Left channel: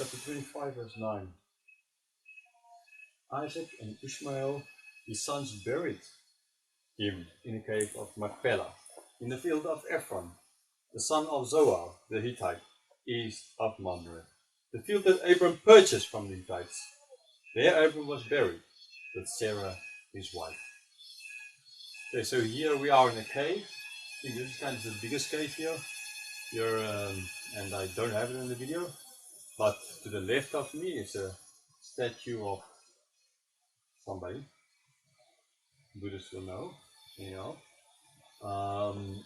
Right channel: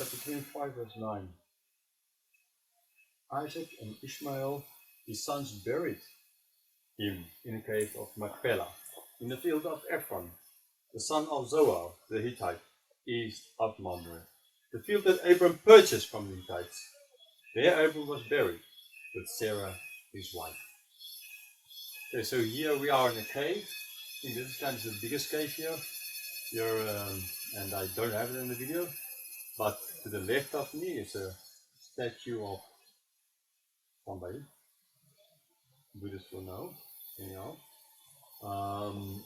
chapter 25, verse 9. Isaac and Ishmael, his sons, buried him in the cave of Machpelah, in the field of Ephron, the son of Zohar, the Hittite, east of Mamre, the field that Abram purchased from the Hittites. There Abram was buried with Sarah, his wife. Okay, so here we are in a cave. I think this is kind of the biggest cave here. And I don't have it in the video, but to the left of me is a statue of somebody. Buddhists will know. Anyhow.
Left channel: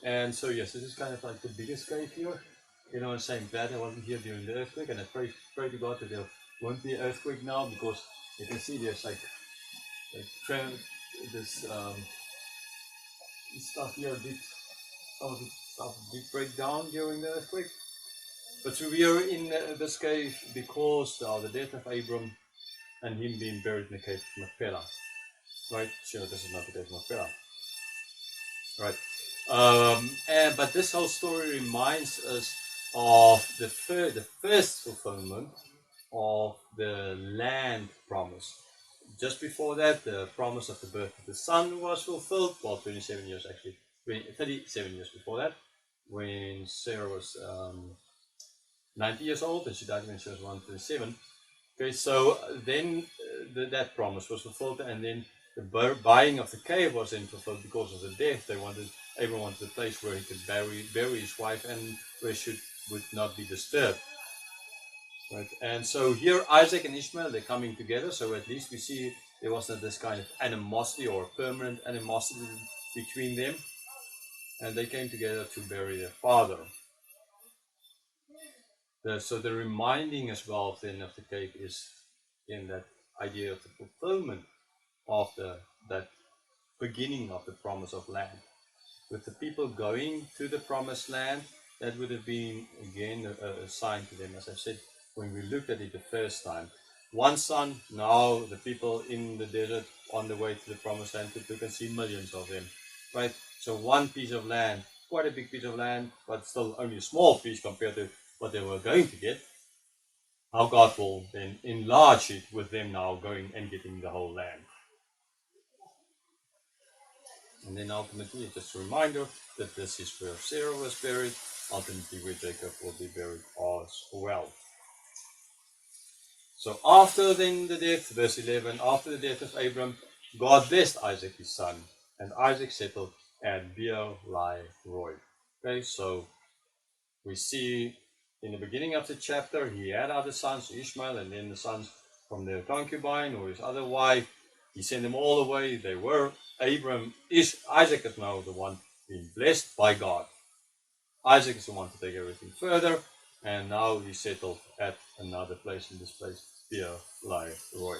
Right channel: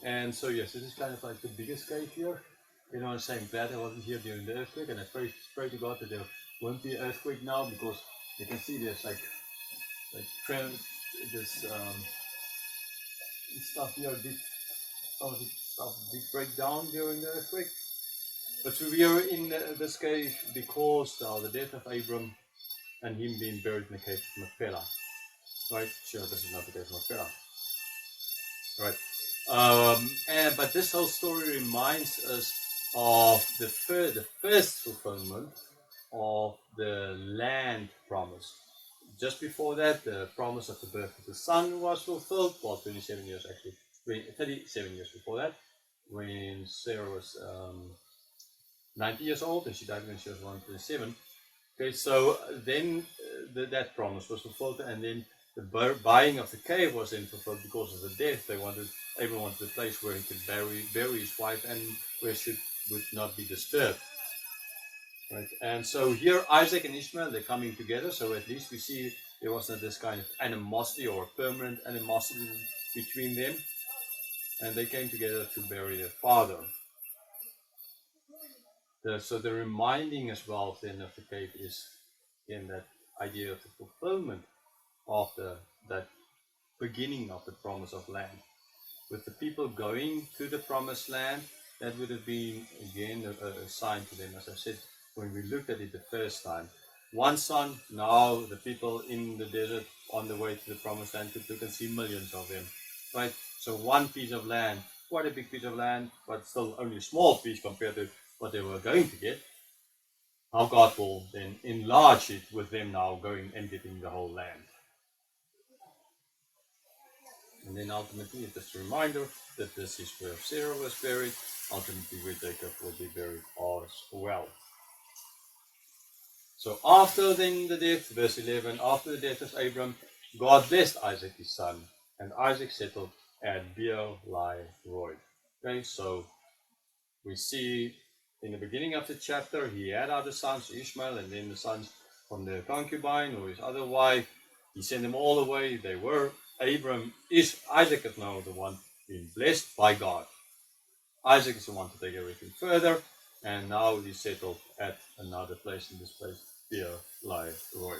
And so yes, this is kind of like the biggest cave here. You know, I'm saying glad I wasn't here during the earthquake, and I pray to God that there won't be an earthquake now, because you can see there's like this stuff here some of the stuff did break down during the earthquake. But so we are in this cave because of the death of Abram and him being buried in the cave of Machpelah. Right? Sure, this is not the cave of Machpelah. Right. But this whole story reminds us of the first fulfillment of the land promise. Just before that, the promise of the birth of the son was fulfilled. Well, 37 years actually. 37 years before that, when Sarah was 90 years old, and she died when she was 127. Okay, so then that promise was fulfilled, and then the buying of the cave was then fulfilled because of the death. Abraham wanted a place where he could bury his wife, and where she would not be disturbed. Right, and so here Isaac and Ishmael, they're coming together. So at least we see there wasn't this kind of animosity or permanent animosity between them, and they came together to bury their father. So the reminding as well then of the cave is in that idea of the fulfillment of that beginning of the promise of land. With the people going to the promised land, that would have been again a sign to them, as I said when we looked at it the first time. One son, now the people in the desert on the way to the promised land, you can see millions of them. Right? So one piece of land, quite a big piece of land, but still only a small piece compared to what they were going to get. How God will then enlarge it with them now going and getting the whole land. And then ultimately, it's just a reminder that this is where Sarah was buried, ultimately where Jacob will be buried as well. So after then the death, verse 11, after the death of Abram, God blessed Isaac his son, and Isaac settled at Beer-lahai-roi. Okay, so we see in the beginning of the chapter, he had other sons, Ishmael, and then the sons from the concubine or his other wife. He sent them all away. They were Isaac is now the one being blessed by God. Isaac is the one to take everything further, and now he's settled at another place, in this place, Beer-lahai-roi.